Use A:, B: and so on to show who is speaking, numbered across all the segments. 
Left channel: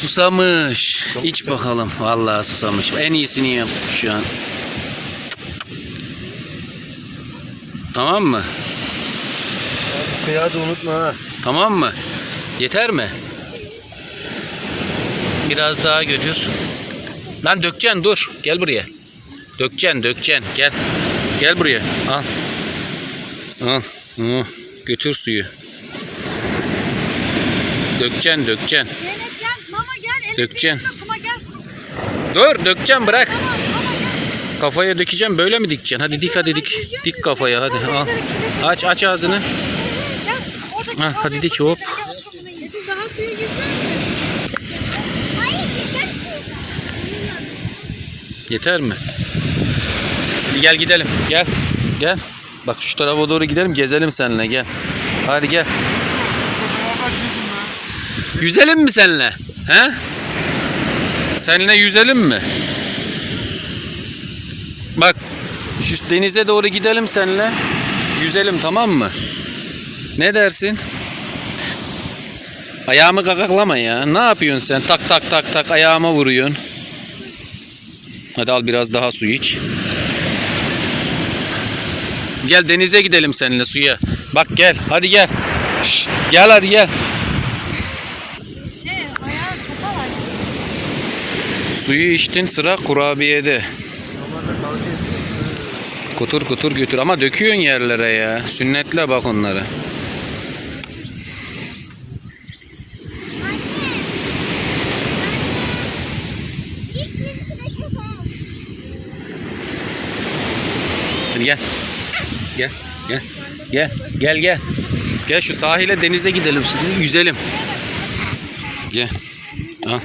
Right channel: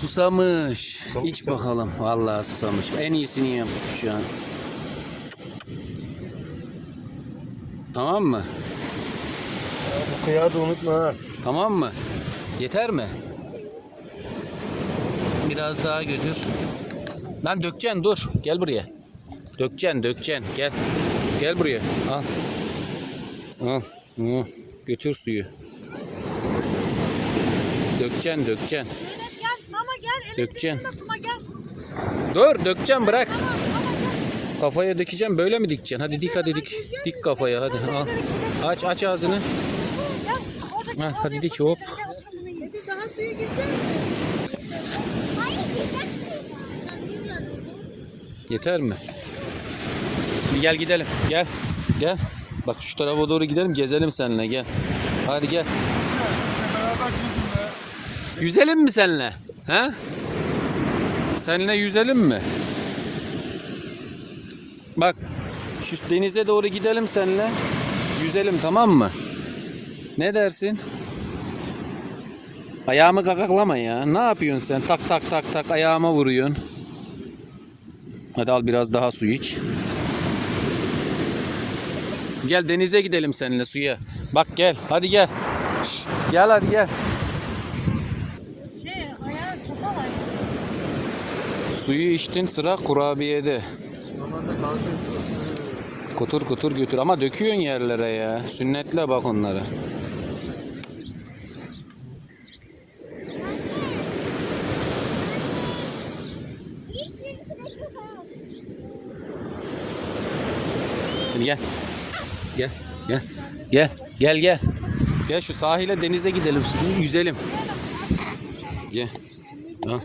A: Susamış. İç bakalım. Vallahi susamış. En iyisini yap şu an. Tamam mı?
B: Bu kıyağı da unutma ha.
A: Tamam mı? Yeter mi? Biraz daha götür. Lan dökeceksin dur. Gel buraya. Dökeceksin dökeceksin. Gel. Gel buraya. Al. Al. Hı. Götür suyu. Dökeceksin dökeceksin.
C: Gel.
A: Dur dökeceksin bırak. Kafaya dökeceğim böyle mi dikeceksin? Hadi dik hadi dik. Dik kafaya hadi al. Aç aç ağzını. Ha, hadi dik, hop. Yeter mi? Gel gidelim. Gel. Gel. Bak şu tarafa doğru gidelim gezelim seninle gel. Hadi gel. Yüzelim mi seninle? He? Seninle yüzelim mi? Bak şu denize doğru gidelim seninle. Yüzelim tamam mı? Ne dersin? Ayağımı kakaklama ya. Ne yapıyorsun sen? Tak tak tak tak ayağıma vuruyorsun. Hadi al biraz daha su iç. Gel denize gidelim seninle suya. Bak gel. Hadi gel. Şş, gel hadi gel. Suyu içtin sıra kurabiyede. Kutur kutur götür ama döküyorsun yerlere ya. Sünnetle bak onları. Gel. Gel. Gel. Gel. Gel gel. Gel şu sahile denize gidelim yüzelim. Gel. Al.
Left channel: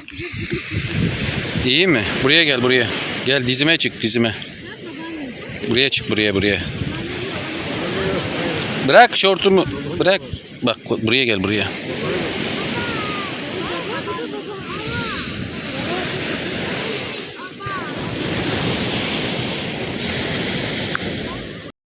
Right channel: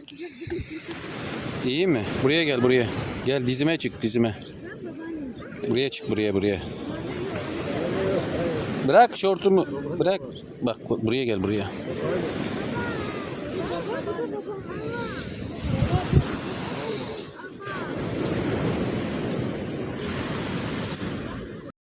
A: İyi mi? Buraya gel buraya. Gel dizime çık dizime. Buraya çık buraya buraya. Bırak şortumu. Bırak. Bak buraya gel buraya.